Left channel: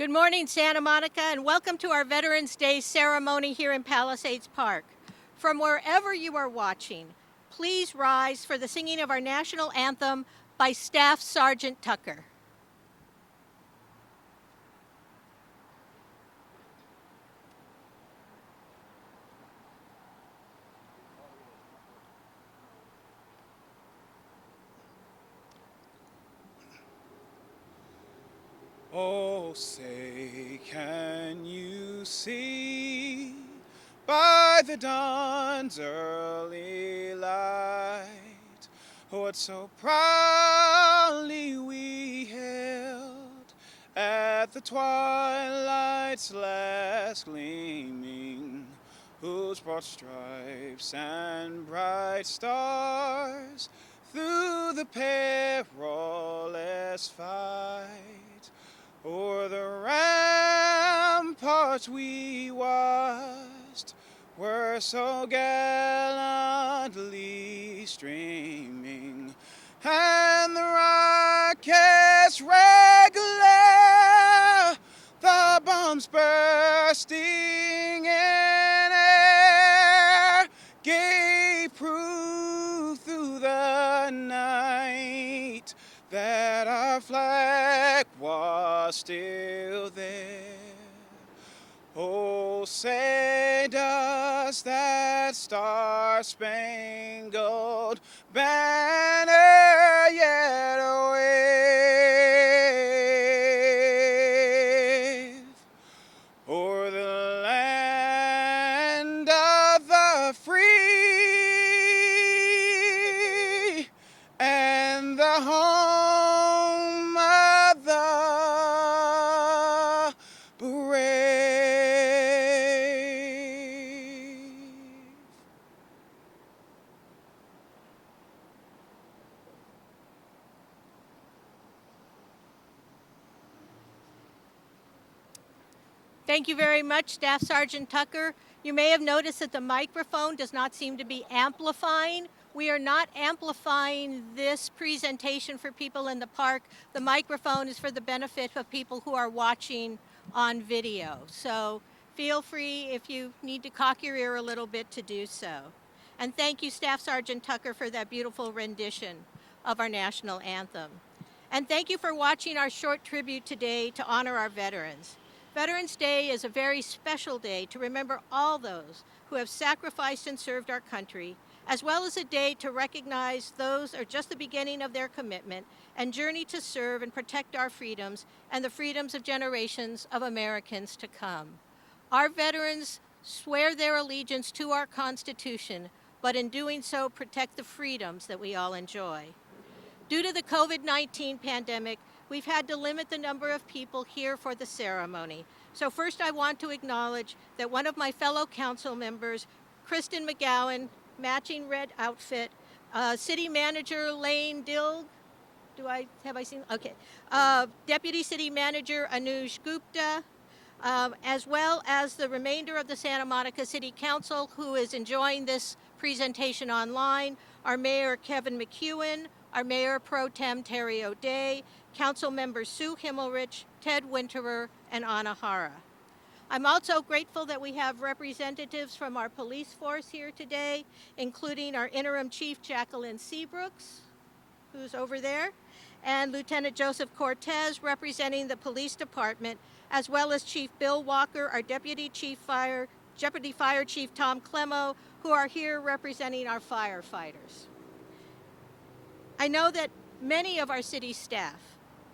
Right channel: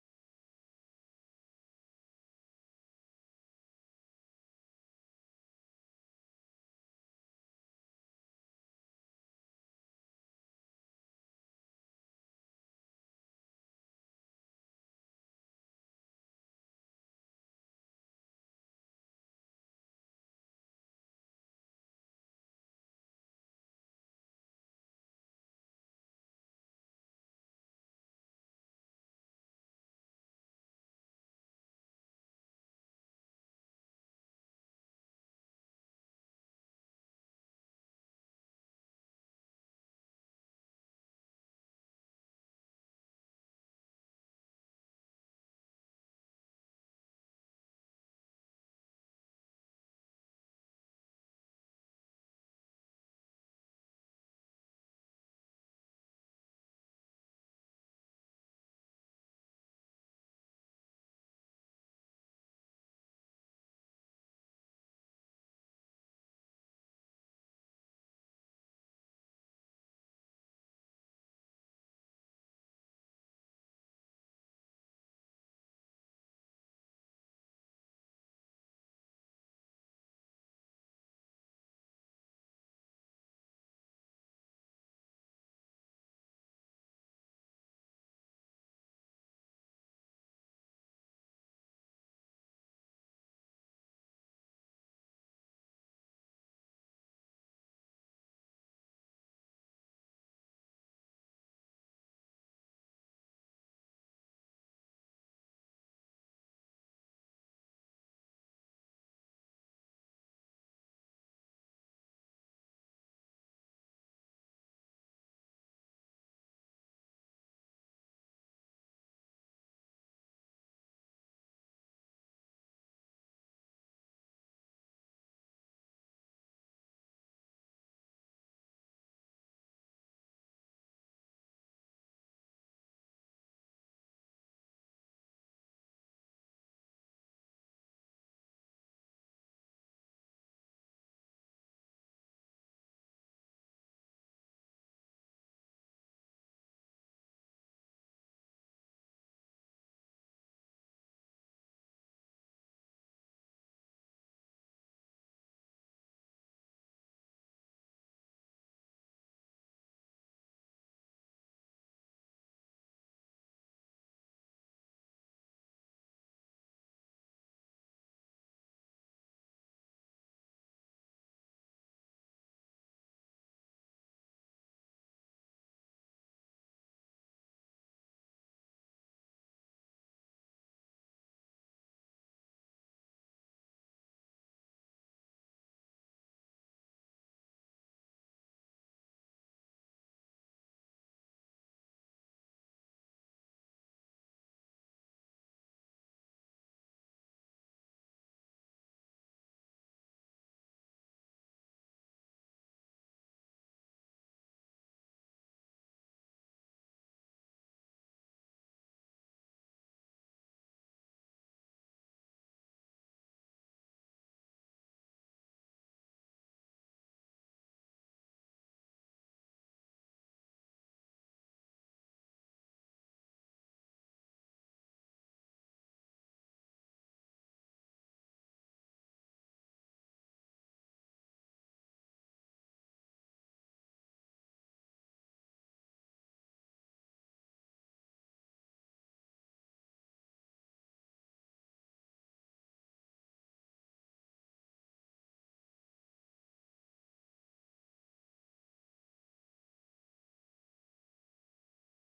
Good morning, Santa Monica, and welcome to our Veterans Day ceremony here in Palisades Park. From wherever you are watching, please rise for the singing of our national anthem by Staff Sergeant Tucker. Oh, say, can you see by the dawn's early light what so proudly we hailed at the twilight's last gleaming, whose broad stripes and bright stars through the perilous fight o'er the ramparts we watched were so gallantly streaming, and the rockets' red glare, the bombs bursting in air, gave proof through the night that our flag was still there. Oh, say does that star-spangled banner yet wave o'er the land of the free and the home of the brave? Thank you very much, Staff Sergeant Tucker. You may have noticed that the microphone does not seem to be amplifying. We are not amplifying this presentation for people in the park. The microphone is for the benefit of people who are watching on video. So feel free, if you need to cock your ear a little bit, to do so. And thank you, Staff Sergeant Tucker, for that beautiful rendition of our national anthem. And thank you for watching our short tribute today to honor our veterans. Veterans Day is a very special day to remember all those who have sacrificed and served our country, as well as a day to recognize those who are just the beginning of their commitment and journey to serve and protect our freedoms and the freedoms of generations of Americans to come. Our veterans swear their allegiance to our Constitution, but in doing so protect the freedoms that we all enjoy. Due to the COVID-19 pandemic, we've had to limit the number of people here for the ceremony. So first I want to acknowledge that one of my fellow council members, Kristen McGowan, matching red outfit, City Manager Lane Dill, have I seen? Okay. Deputy City Manager Anuj Gupta, as well as the remainder of the Santa Monica City Council who is enjoying this presentation online, our Mayor Kevin McEwen, our Mayor Pro Tem Terry O'Day, Councilmember Sue Himmelrich, Ted Winterer, and Anna Hara. I'm also grateful that we have representatives from our police force here today, including our Interim Chief Jacqueline Seabrooks, who's over there, and Lieutenant Joseph Cortez representing the police department, as well as Chief Bill Walker, our Deputy Fire Chief Tom Clemo, who are here representing our firefighters. I know that many of our city staff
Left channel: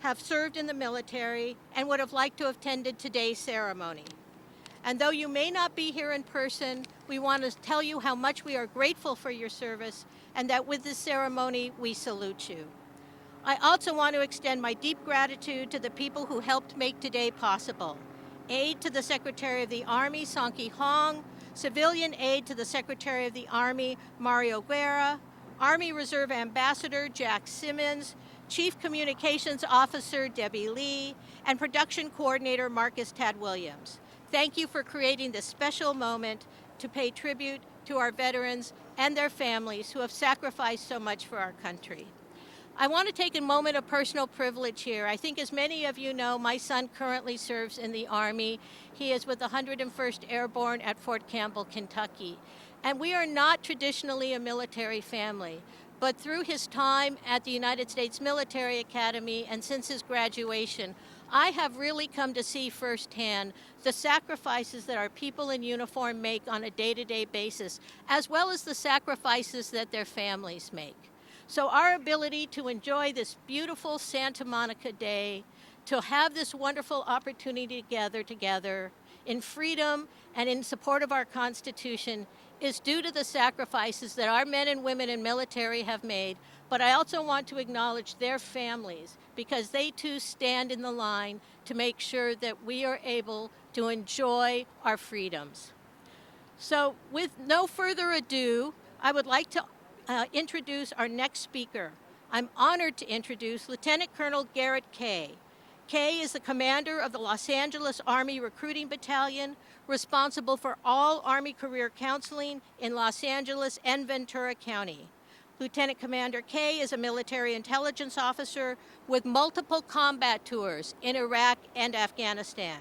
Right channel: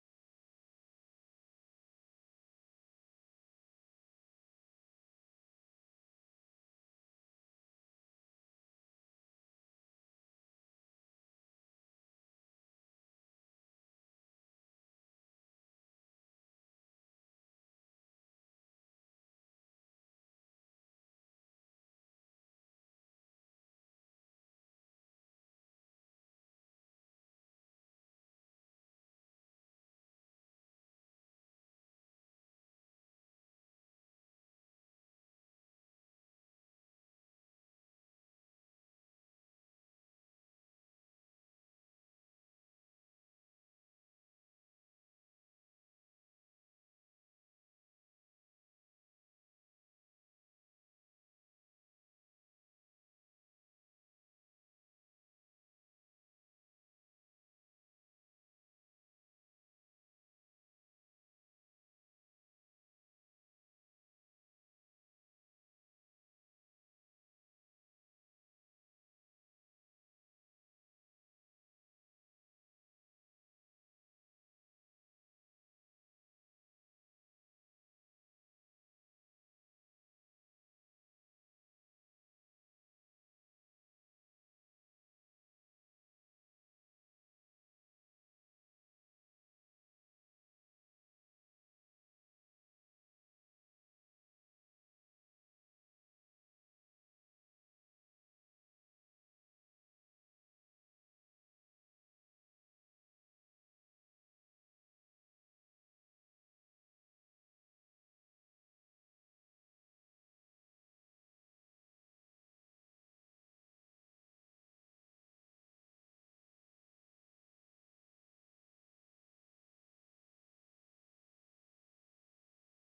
have served in the military and would have liked to have attended today's ceremony. And though you may not be here in person, we want to tell you how much we are grateful for your service and that with this ceremony, we salute you. I also want to extend my deep gratitude to the people who helped make today possible. Aid to the Secretary of the Army, Song-Ki Hong, civilian aid to the Secretary of the Army, Mario Guerra, Army Reserve Ambassador Jack Simmons, Chief Communications Officer Debbie Lee, and Production Coordinator Marcus Tad Williams. Thank you for creating this special moment to pay tribute to our veterans and their families who have sacrificed so much for our country. I want to take a moment of personal privilege here. I think as many of you know, my son currently serves in the Army. He is with the 101st Airborne at Fort Campbell, Kentucky. And we are not traditionally a military family, but through his time at the United States Military Academy and since his graduation, I have really come to see firsthand the sacrifices that our people in uniform make on a day-to-day basis, as well as the sacrifices that their families make. So our ability to enjoy this beautiful Santa Monica day, to have this wonderful opportunity to gather together in freedom and in support of our Constitution is due to the sacrifices that our men and women in military have made. But I also want to acknowledge their families because they too stand in the line to make sure that we are able to enjoy our freedoms. So with no further ado, I would like to introduce our next speaker. I'm honored to introduce Lieutenant Colonel Garret Kaye. Kaye is the commander of the Los Angeles Army Recruiting Battalion, responsible for all Army career counseling in Los Angeles and Ventura County. Lieutenant Commander Kaye is a military intelligence officer with multiple combat tours in Iraq and Afghanistan.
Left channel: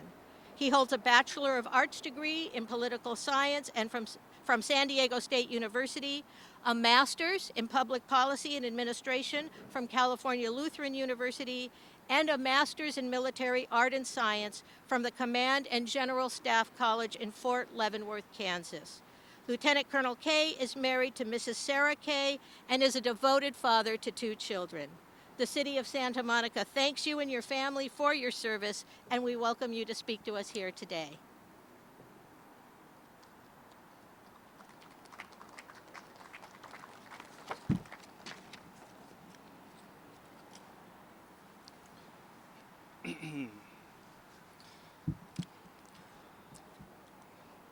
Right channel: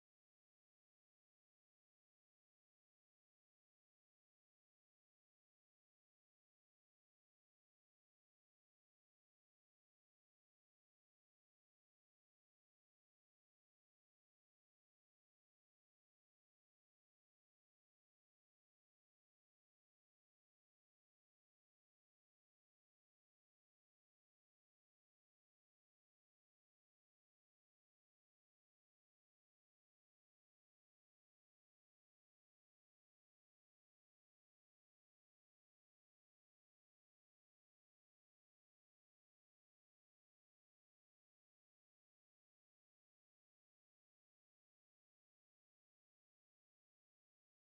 He holds a Bachelor of Arts degree in political science and from San Diego State University, a master's in public policy and administration from California Lutheran University, and a master's in military art and science from the Command and General Staff College in Fort Leavenworth, Kansas. Lieutenant Colonel Kaye is married to Mrs. Sarah Kaye and is a devoted father to 2 children. The City of Santa Monica thanks you and your family for your service, and we welcome you to speak to us here today.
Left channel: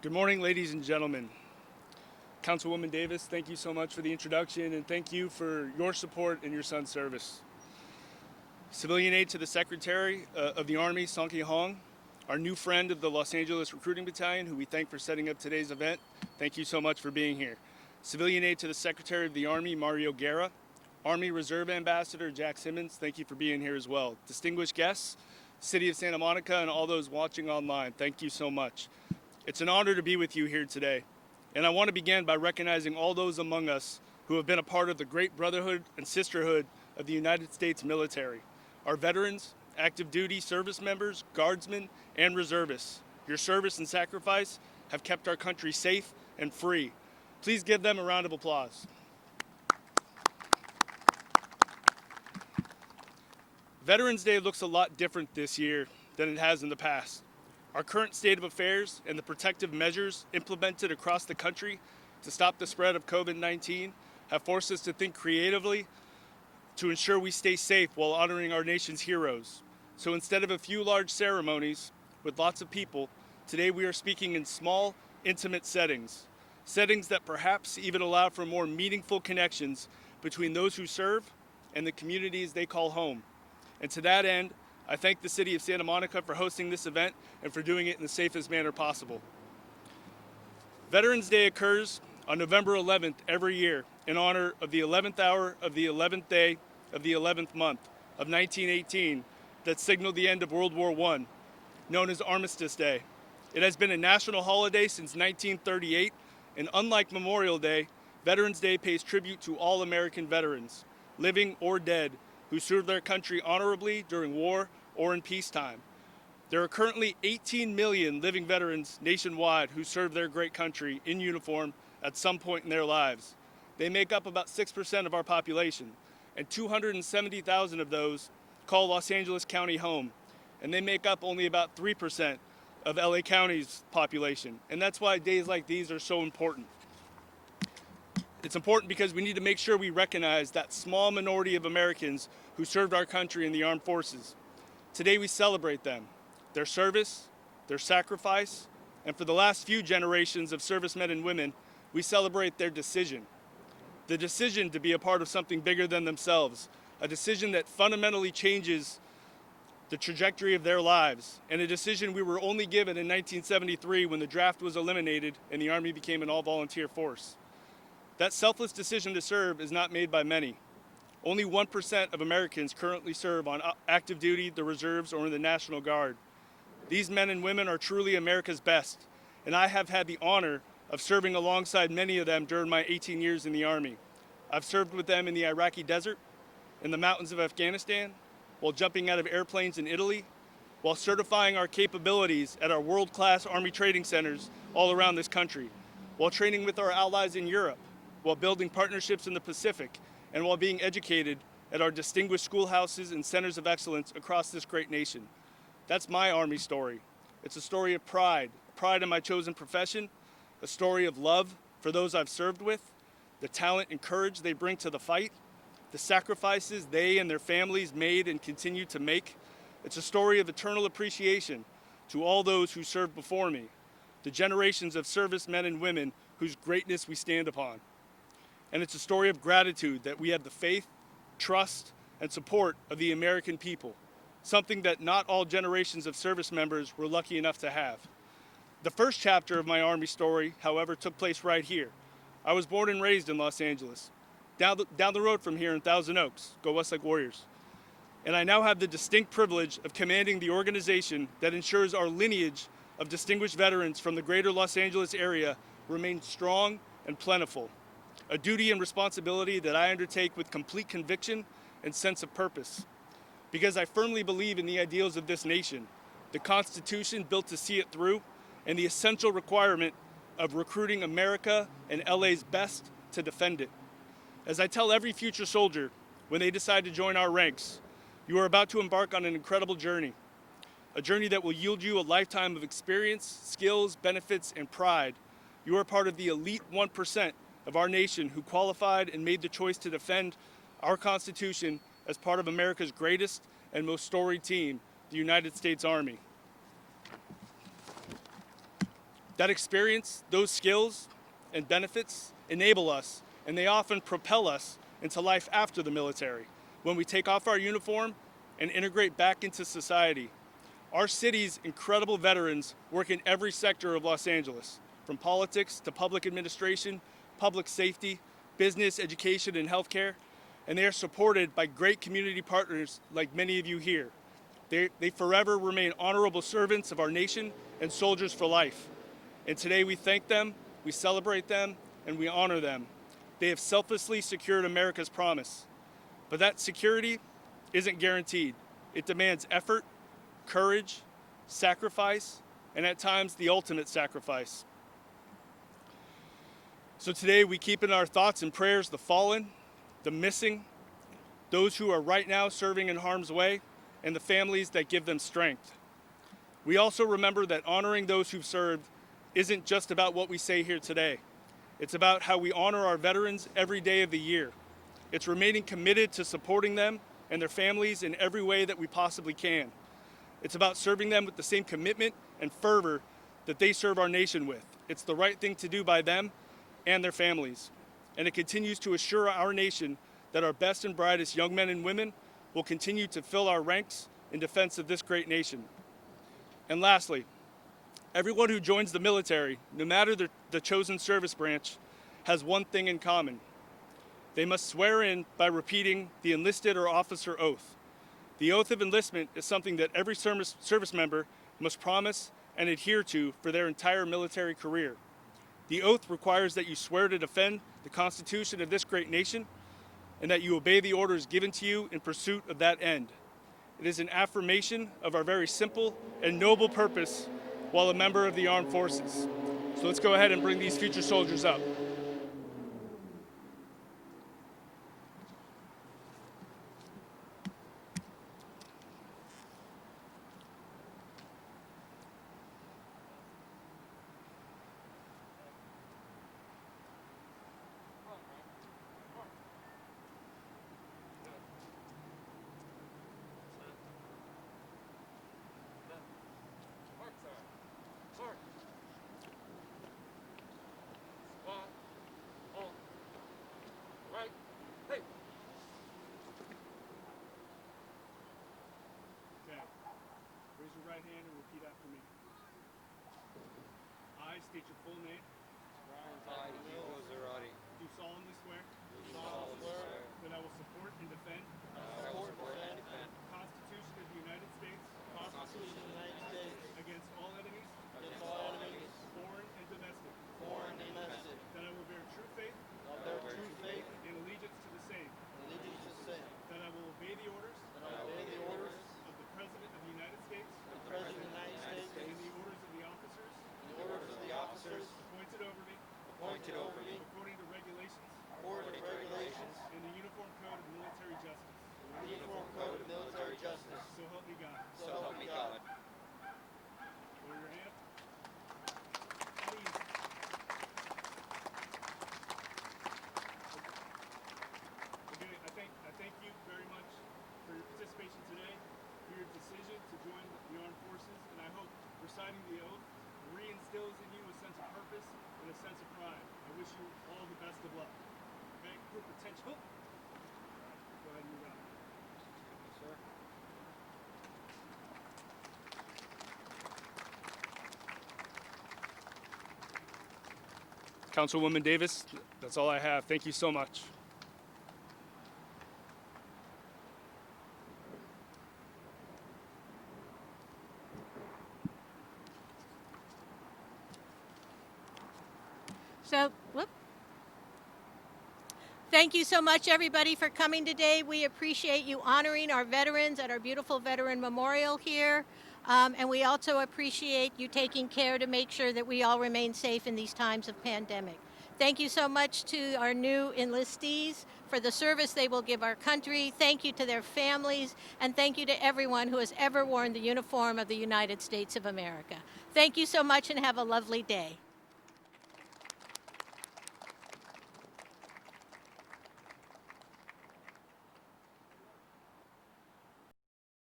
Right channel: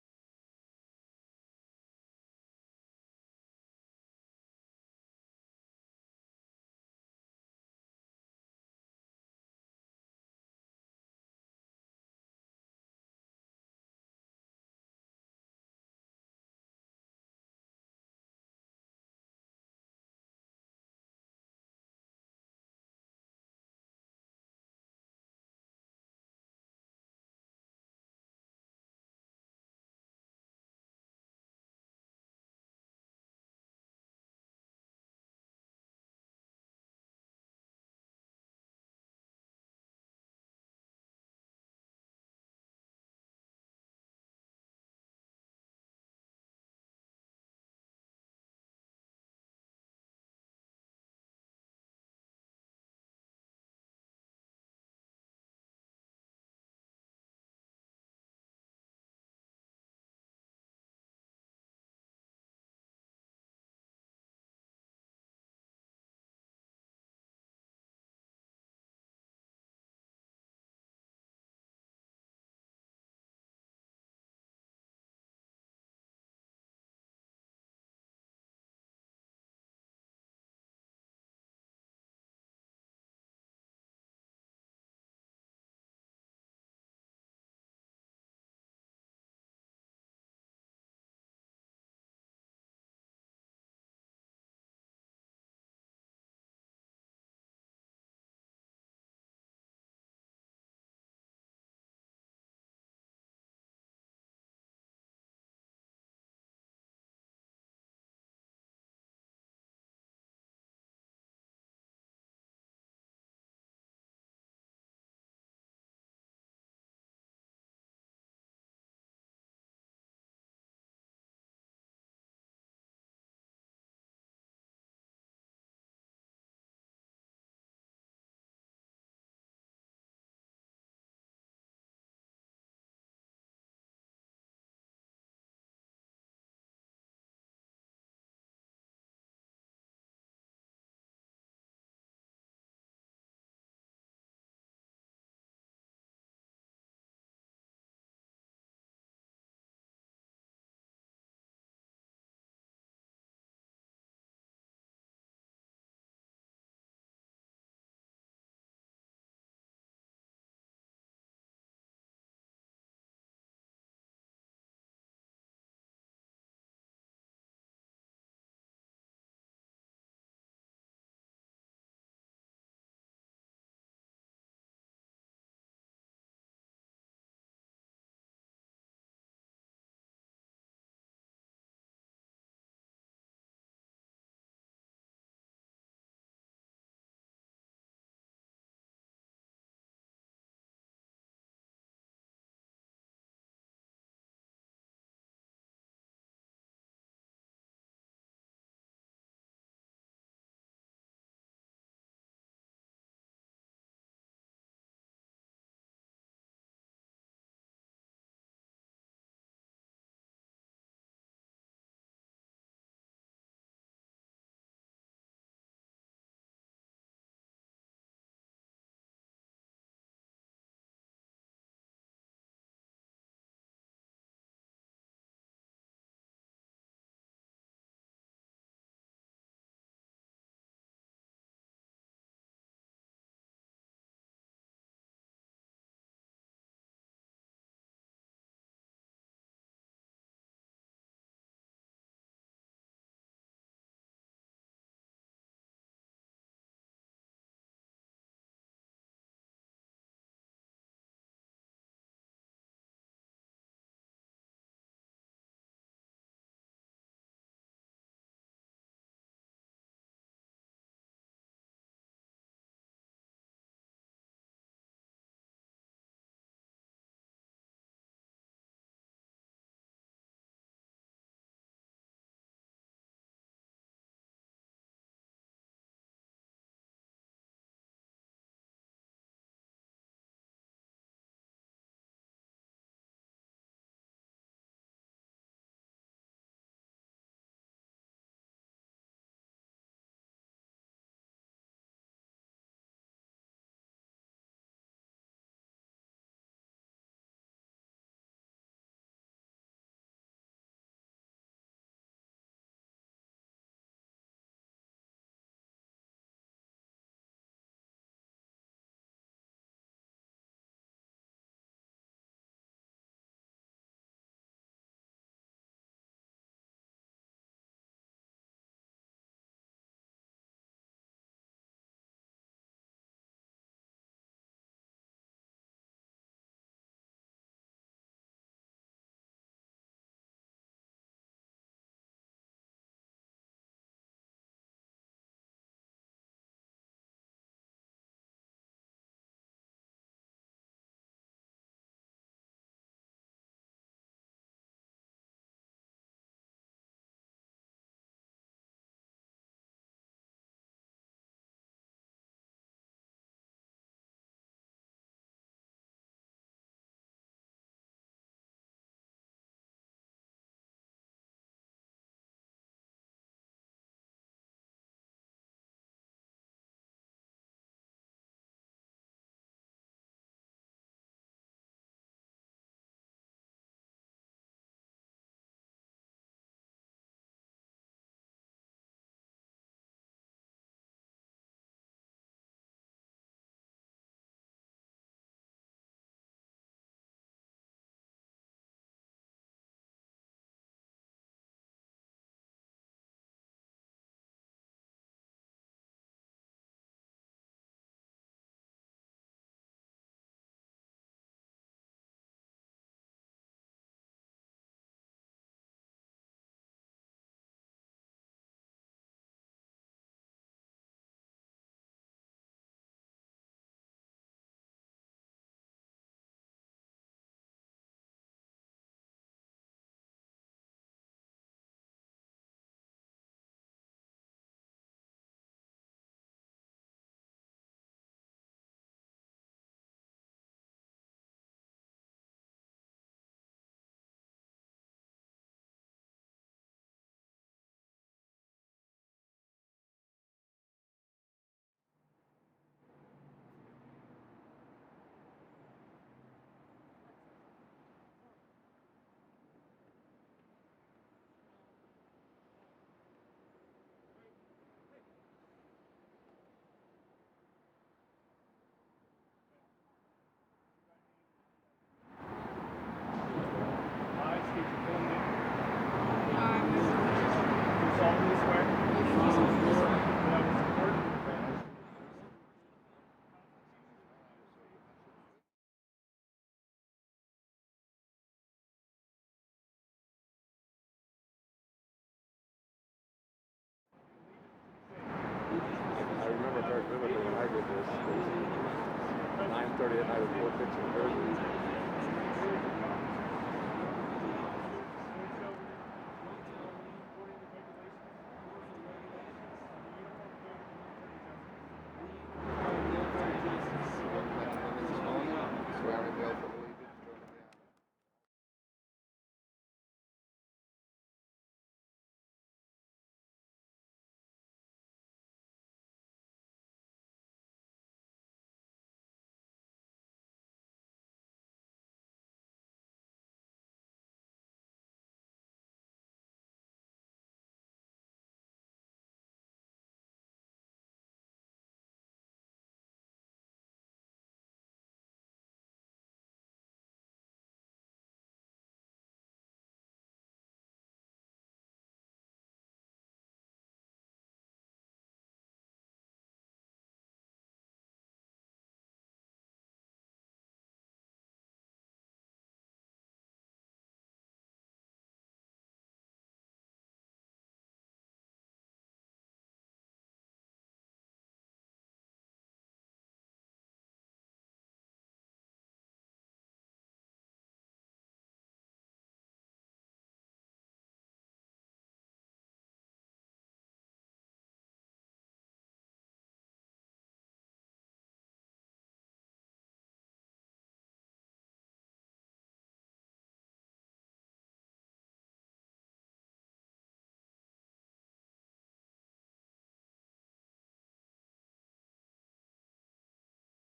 Good morning, ladies and gentlemen. Councilwoman Davis, thank you so much for the introduction, and thank you for your support in your son's service. Civilian aid to the Secretary of the Army, Song Hong, our new friend of the Los Angeles Recruiting Battalion, who we thank for setting up today's event. Thank you so much for being here. Civilian aid to the Secretary of the Army, Mario Guerra. Army Reserve Ambassador Jack Simmons, thank you for being here as well. Distinguished guests, City of Santa Monica, and all those watching online, thank you so much. It's an honor to be with you here today, and I want to begin by recognizing all those among us who have been a part of the great brotherhood and sisterhood of the United States military. Our veterans, active duty service members, guardsmen, and reservists. Your service and sacrifice have kept our country safe and free. Please give them a round of applause. Veterans Day looks a lot different this year than it has in the past. Our current state of affairs and the protective measures implemented across the country to stop the spread of COVID-19 have forced us to think creatively to ensure we stay safe while honoring our nation's heroes. So instead of a few large ceremonies with lots of people, today we are speaking in small, intimate settings that perhaps even allow for more meaningful connections between those who serve and the communities they call home. And to that end, I thank the City of Santa Monica for hosting this event and for doing it in the safest manner possible. Veterans Day occurs on November 11th every year in honor of the 11th hour of the 11th day of the 11th month of 1918 that signaled the end of World War I, known as Armistice Day. It has been a national holiday since 1938, and unlike Memorial Day, Veterans Day pays tribute to all American veterans, living or dead, who served their country honorably during war or in peacetime. There are currently 18 million living veterans nationwide who serve their great country in uniform at some point in their lives. They make up about 6% of our population, and 270,000 of those call Los Angeles County home, and they make up only about 3% of LA County's population, and that's why days like these are so important. It's important because we need to make sure we recognize that small minority of Americans who served our country in the armed forces. Today we celebrate them, their service, their sacrifice, and for the last few generations of servicemen and women, we celebrate their decision. The decision to be a part of something bigger than themselves, a decision that fundamentally changes the trajectory of their lives, and a decision we were only given in 1973 when the draft was eliminated and the Army became an all-volunteer force. That selfless decision to serve is not made by many. Only 1% of Americans currently serve on active duty, the reserves, or in the National Guard. These men and women are truly America's best, and I have had the honor of serving alongside many of them during my 18 years in the Army. I've served with them in the Iraqi desert, in the mountains of Afghanistan, while jumping out of airplanes in Italy, while certifying our capabilities at our world-class Army training centers all around this country, while training with our allies in Europe, while building partnerships in the Pacific, and while being educated at our distinguished schoolhouses and centers of excellence across this great nation. That's my Army story. It's a story of pride in my chosen profession, a story of love for those I've served with, the talent and courage they bring to the fight, the sacrifices they and their families made and continue to make. It's a story of eternal appreciation to all those who served before me, the generations of servicemen and women whose greatness we stand upon. And it's a story of gratitude that we have the faith, trust, and support of the American people, something that not all generations of service members were lucky enough to have. The first chapter of my Army story, however, took place right here. I was born and raised in Los Angeles, down the road from here in Thousand Oaks. Go Westlake Warriors. And I now have the distinct privilege of commanding the organization that ensures our lineage of distinguished veterans from the greater Los Angeles area remains strong and plentiful, a duty and responsibility that I undertake with complete conviction and sense of purpose. Because I firmly believe in the ideals of this nation, the Constitution built to see it through, and the essential requirement of recruiting America and LA's best to defend it. As I tell every future soldier when they decide to join our ranks, you are about to embark on an incredible journey, a journey that will yield you a lifetime of experience, skills, benefits, and pride. You are part of the elite 1% of our nation who qualified and made the choice to defend our Constitution as part of America's greatest and most storied team, the United States Army. That experience, those skills and benefits enable us, and they often propel us into life after the military, when we take off our uniform and integrate back into society. Our city's incredible veterans work in every sector of Los Angeles, from politics to public administration, public safety, business, education, and healthcare, and they are supported by great community partners like many of you here. They forever remain honorable servants of our nation and soldiers for life. And today we thank them, we celebrate them, and we honor them. They have selflessly secured America's promise. But that security isn't guaranteed. It demands effort, courage, sacrifice, and at times the ultimate sacrifice. So today we keep in our thoughts and prayers the fallen, the missing, those who are right now serving in harm's way, and the families that give them strength. We also remember that honoring those who've served isn't just about what we say here today. It's about how we honor our veterans every day of the year. It's remaining committed to supporting them and their families in every way that we possibly can. It's about serving them with the same commitment and fervor that they serve our nation with. It's the right thing to do by them and their families. And it continues to assure our nation that our best and brightest young men and women will continue to fill our ranks in defense of this great nation. And lastly, everyone who joins the military, no matter the chosen service branch, has one thing in common. They must swear in by repeating the enlisted or officer oath. The oath of enlistment is something that every service member must promise and adhere to for their entire military career. The oath requires that you swear to defend the Constitution of this great nation and that you obey the orders given to you in pursuit of that end. It is an affirmation of our very simple and noble purpose while a member of the armed forces. So let's go ahead and bring these future soldiers up. Raise your right hand and repeat after me. I state your full name. Do solemnly swear that I will support and I thank you very much for your participation today, for your decision to join the armed forces, and I hope reciting the oath reinstills in you a sense of purpose and a sense of pride. I wish you all the best of luck. Okay? Your potential. Go ahead and move out. Sir. Councilwoman Davis, that's all I have. Thank you so much. So, whoop. Thank you so much, everybody, for coming today. We appreciate you honoring our veterans at our beautiful Veteran Memorial here. And we also appreciate you taking care to make sure that we all remain safe in these times of pandemic. Thank you so much to our new enlistees for the service they will give our country. Thank you to their families, and thank you to everyone who has ever worn the uniform of the United States of America. Thank you so much, and have a lovely day.